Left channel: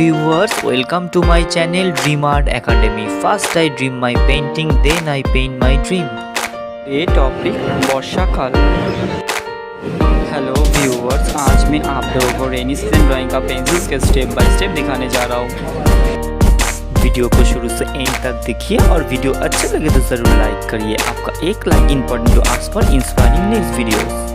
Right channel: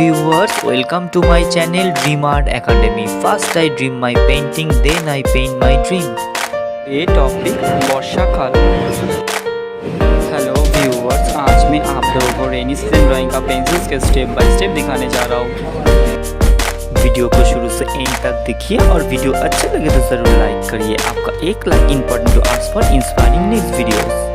viewers, welcome to my channel Dream Art Academy. First I dream my painting, then I paint my dream. ये topic वर्षाकाल। Hello viewers, आज मैं आप लोगों को रेनी सीजन ड्राइंग का पेंसिल्स के स्टेप बाय स्टेप दिखाने जा रहा हूँ। वीडियो को शुरू से एंड तक देखिए और वीडियो अच्छा लगे तो जरूर लाइक करिए। आपका एक like important to ask for inspiring next videos.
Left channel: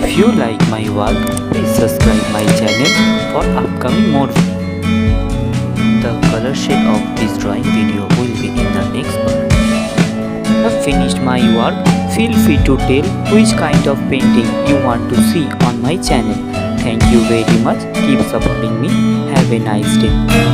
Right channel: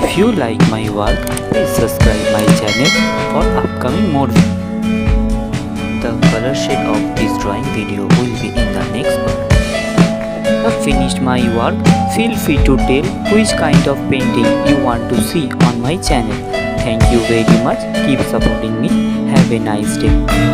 If you like my work, please subscribe my channel for upcoming more. The color shade of this drawing video will be in the next part. I've finished my work. Feel free to tell which kind of painting you want to see on my channel. Thank you very much. Keep supporting me. Have a nice day.